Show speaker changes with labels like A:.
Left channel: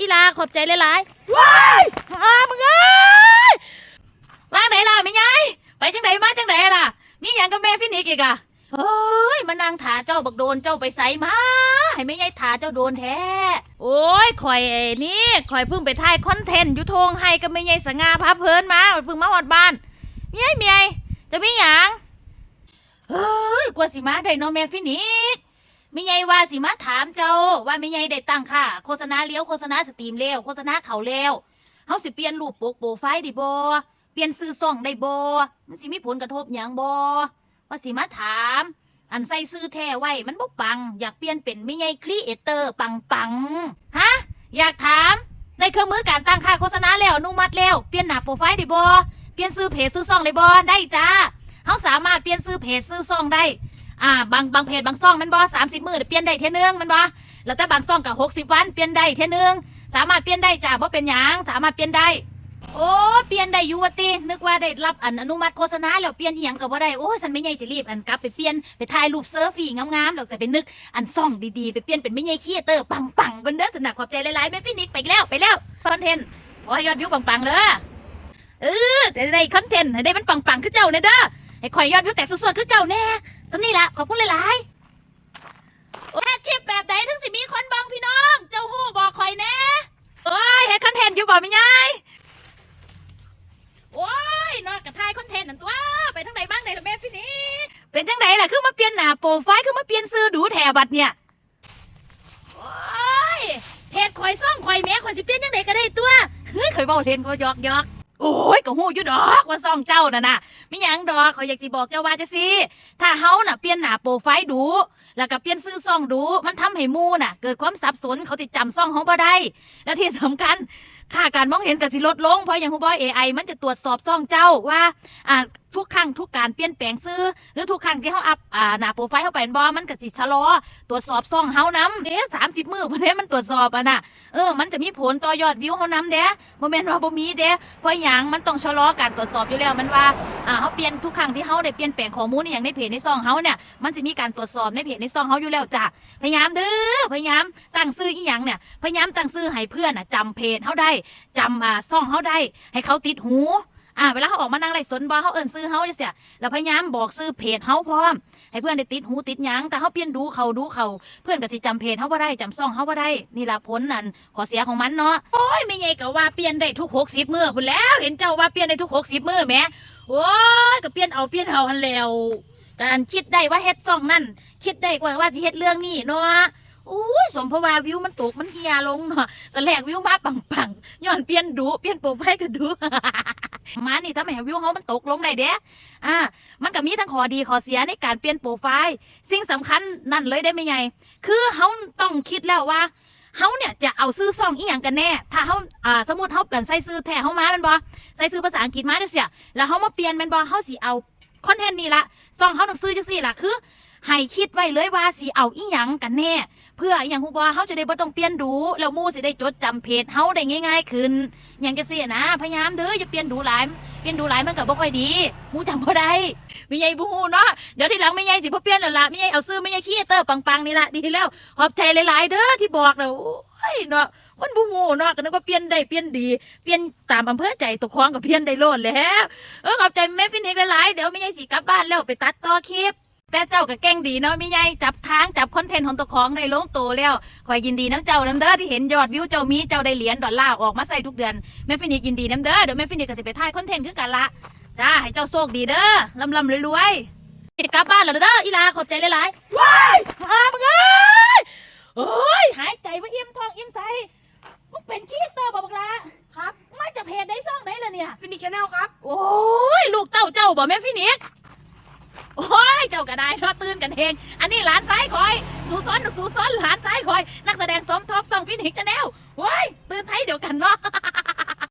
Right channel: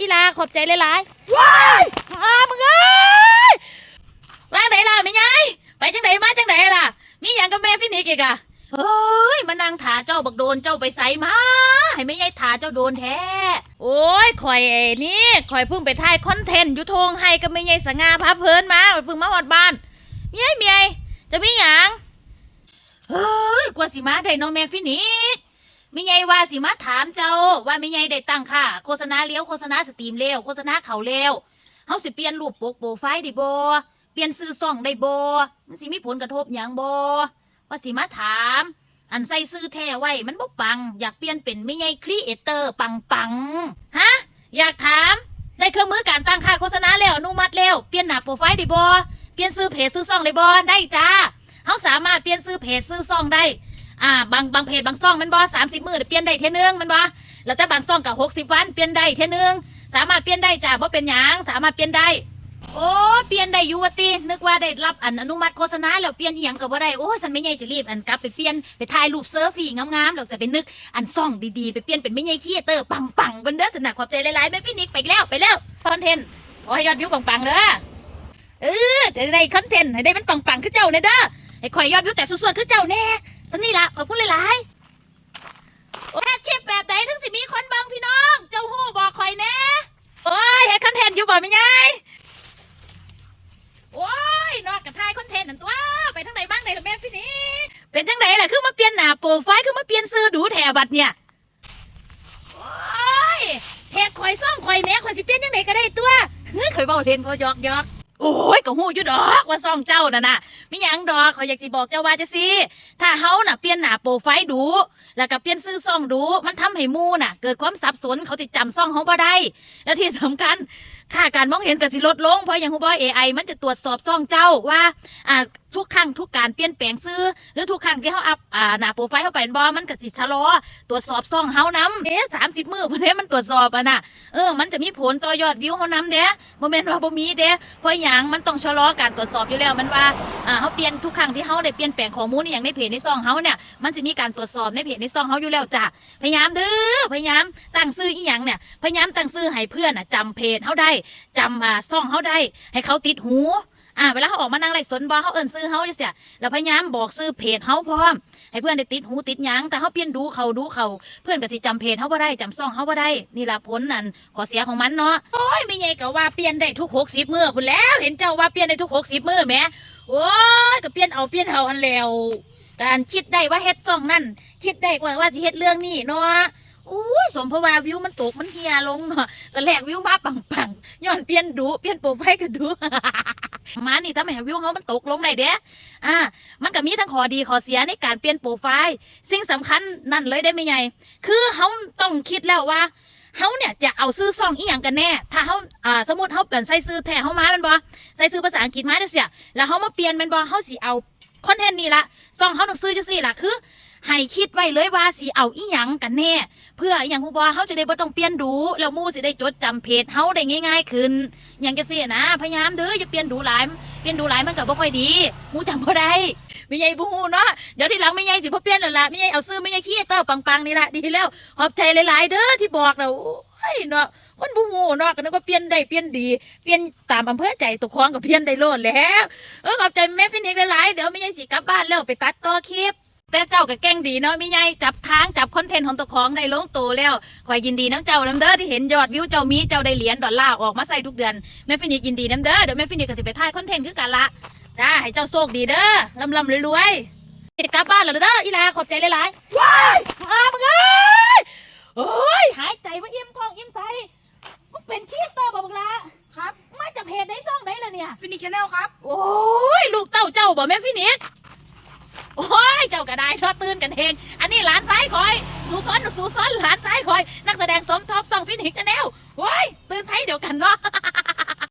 A: อีลาขอบใจหลายๆว้ายหามึงเอ้ยว่างไหนล่ะแม่ยายไปจังไหนมาจังไหนล่ะ มีอย่างกับแม่ฟินิกอีกอะเฮ้ยมานั่งถาเจ้าบักโดนเจ้าไปใส่มา ให้แม่ยายถาเจ้าโดนแท้ โอ้ยข่อยไอ้นี่ข่อยเพิ่งไปถ่ายคอนเทนต์อยู่ทงให้กับแม่ยายสง่าพาเพลินมาเพิ่งมาฮอดบ้านเมียเมียจะมีหยังเฮ้ยกว่าสิมาได้เน้องแม่ฟินิก ไม่ใหญ่ว่าสิมาถามเจ้าว่าไม่ใหญ่ได้ตั้งค่าโฆษณาเลี้ยวโฆษณาสตรีมเลี้ยวโฆษณาเขาเลี้ยวเฮาสิเปลี่ยนรูปปกโปรไฟล์ได้บ่เปลี่ยนซื้อซ่องได้บ่มันสิมีผลกระทบหยังบ่ว่าสิมาถาม อันใส่ซื้อแท้ไว้มันบ่ปัง อยากเปลี่ยนเป็นไม่ใหญ่ครีเอเตอร์ปังปังฮะอยากถามได้เครื่องมือการตั้งค่าโฆษณาแล้วอนุมัติแล้วเปลี่ยนหน้าโปรไฟล์ได้บ่เปลี่ยนซื้อเพจซื้อซ่องได้บ่ได้จ้าเฮาสามารถเปลี่ยนซื้อเพจซื้อซ่องได้ อ่าบางบางเพจบางซ่องมันบอสามสิบมือเปลี่ยนได้เท่ยนึงมันบอแล้วแต่บางซ่องกับหกสิบวันเปลี่ยนได้เท่ยนึงสามารถเปลี่ยนได้จ้าเพราะเป็นหยังสามารถเปลี่ยนได้ โอ้เปลี่ยนได้อยู่วตีนึกว่าได้รับอันอนุมัติโฆษณาแล้วเปลี่ยนอีหยังก็บ่ได้โอ้ยฉันไม่ใหญ่จะรีบอันกลับไปเปลี่ยนไปถ่ายรูปเซิร์ฟฟี่งามๆแล้วจะไปนึกอันซ่องดีๆไปเปลี่ยนเป็นไม่ใหญ่คีเตอร์ปังๆกันเด้อสนักขอบใจหลายๆแม่ฟินิกไปแล้วไปแล้วคอนเทนต์ขอให้ยอดวิวปังๆเด้อเออได้คอนเทนต์ให้ได้มันปังๆคือเจ้าเนี่เด้อให้ข่อยยอดวิวแต่สดๆคือเจ้าแน่ สนี่ละขอบคุณหลายๆโอ้คลิปแบบไหนถึงสิมีคนเบิ่งพี่น้อง เจ้าหู้บอกคอยแน่โอ้ยเฮ็ดคอนเทนต์อยู่บ่แม่ยายโอ้ยนอกจากถ่ายคอนเทนต์นั่นตัวไปทางไหนบ้างไหนล่ะแม่ฟินิกเป็นจังไดล่ะคือมาเปลี่ยนหน้าโปรไฟล์คือมาเปลี่ยนซื้อดูแถบัดเนี่ยโอ้ยเพจข่อยซ่องข่อยแม่ข่อยสิเปลี่ยนจังไดก็ได้ตัวเฮ้ยข่อยเว้าเล่นก็ยอกยอก โอ้ยก็หู้อยู่ดอกว่าซ่องเจ้าน่ะน่ะมีหยังดอกข่อยอยากสิบอกเจ้าว่าจะสิถ้าเฮาน่ะเปลี่ยนหน้าโปรไฟล์ดู แล้วก็เปลี่ยนซื้อซ่องดู มันทำให้หมูน่ะ เกิดความสับสนเขาติดจำซ่องเฮาบ่ได้ แล้วที่สำคัญค่าการมองเห็นก็สิลดลงเพราะอย่างคุณบอย AI มันจะตรวจสอบซ่องเจ้าว่าอ่าทุกครั้งทุกการเปลี่ยนแปลงซื้อ หรือทุกครั้งที่เขาอัพอ่าหน้าโปรไฟล์เข้าไปบอมันก็สิชะลอ ตรวจสอบซ่องเฮานำเด้สามสิบมือพอเด้มันตรวจสอบอะนะเออมันจะมีผลต่อยอดวิวเฮานำเด้บ่แม่นว่าบ่มีเด้เพราะอย่างมันต้องชะลอการตรวจสอบอยู่แล้วมันว่าอ่าเขาเปลี่ยนทุกครั้งที่เขาได้เปลี่ยนแปลงข้อมูลอย่างในเพจในซ่องเขาเนี่ยมันจะมีการตรวจสอบในเพจในซ่องเขาอยู่แล้วจ้ะพยายามเด้อพยายามตั้งซื้ออีหยังเนี่ยพยายามตั้งซื้อให้เพื่อนอะจำเพจเขาได้จำอ่าซ่องเขาได้ ให้เขาติดหูอ่าเวลาเขาออกมานั่งไล่สนบอเขาเอิ้นซื้อเขาจะเสียแล้วพยายามบอกซื้อเพจเขาพร้อม ให้เพื่อนได้ติดหูติดยังแต่เขาเปลี่ยนดูเขาดูเขาเพื่อนก็สิจำเพจเขาบ่าได้จำซ่องเขาบ่าได้ นี่ละผลนั่นขอเสียของมันเนาะโอ้ยไม่ใหญ่ก็ว่าเปลี่ยนได้ทุกหกสิบมือพุ่นแล้ว เห็นเจ้าว่าเปลี่ยนได้ทุกหกสิบมือแหมโอ้ยก็เปลี่ยนเอาเปลี่ยนเอาหันแล้วการคิดได้ว่าเฮ็ดซ่องนั่นคิดได้ว่าว่าสิเฮ็ดเรื่องนี้เนาะ อุ้ยสมพราว่าวิวมันตกมันเฮียลงเนาะแต่แรกวิวมาปังๆย้อนเปลี่ยนดูเปลี่ยนโปรไฟล์ก็ดูมานี่ทำให้วิวเขามันตกลงได้เด้อ่า มันก็มีทั้งข้อดีข้อเสียในการเปลี่ยนโปรไฟล์ สิ่งสำคัญนั่นเลยได้ไหมไงคือเขาต้องคิดแล้วว่าเขาเนี่ยจะเอาซื้อซองอีหยังกันแน่ ถ้าเขาอ่าสมมติเขาเปลี่ยนใส่ซื้อแท้เขามาเป็นบอใส่ซื้อภาษาอังกฤษมาเด้เสียแล้วเขามาเปลี่ยนเป็นบอเขาสิเอาคอนเทนต์นี่ละซองเขาต้องซื้อจังซี่ละคือ ให้คิดไว้เลยว่าสิเอาอีหยังกันแน่ เพื่ออหย่างฮู้บ่เขาจะได้บ่ต้องเปลี่ยนดู แล้วมู่สิได้จดจำเพจเฮาได้ง่าย ๆ ขึ้นอย่างจังซี่นะ พยายามเด้ออย่าเปลี่ยนดูหลายเปลี่ยนดูหลายมันก็บ่ค่อยดีมู่จำบ่ได้ไม่ใหญ่บ่ฮู้เนาะเดี๋ยวทีหลังไม่ใหญ่สิบ่เปลี่ยนแล้วล่ะไม่ใหญ่เอาซื้อไม่ใหญ่คีเตอร์ปังๆนี่ละดีแล้วขอบใจหลาย ๆ เด้อที่บอกแล้วโอ้ยเนาะคนบ่ฮู้เนาะก็นึกว่าเปลี่ยนได้เปลี่ยนดี เปลี่ยนตามอำเภอใจตกครองก็เปลี่ยนได้โลดแล้ว เออขอบใจแม่ฟินิกหลายๆเดี๋ยวไม่ใหญ่สิกลับบ้านแล้วไปตัดต่อคลิป แต่เจ้าก็แกล้งดีเนาะไม่ใหญ่จับทางจับคอนเทนต์ของตัวของได้ลงตัวแล้วคอยยินดีน้ำเจ้าน้ำเด้อที่เห็นยอดวิวเจ้ามีเจ้าได้เหรียญดอลลาร์ออกมาใส่ทุกเดือนแม่ฟินิกยินดีน้ำเด้อเดี๋ยวแม่ฟินิกก็จะไปถ่ายคอนเทนต์คือกันละจ้าให้เจ้าโชคดีเด้อลำลำรวยๆกลับบ้านแล้วเด้ออีลาขอบใจหลายๆว้ายหามึงเอ้ยโอ้ยหายใจว่าอิ่มท้องอิ่มใสมึงเป็นขี้โตบ่บักละครับมาจากเพจได้ซ่องได้ละเนี่ย
B: ฟินิชแนลครับ
A: โอ้ยลูกเต้าเจ้าบ่แม่ฟินิก โอ้ยเจ้าก็ได้ทอดตื่นกันเอง อันนี้หลานซ้ายคอย สูซ้อนสูซ้อนหลานซ้ายคอย นักแสดงสมทบส่องฟินิกจะแนวโอ้ยตื่นไทยเดียวกันเนาะ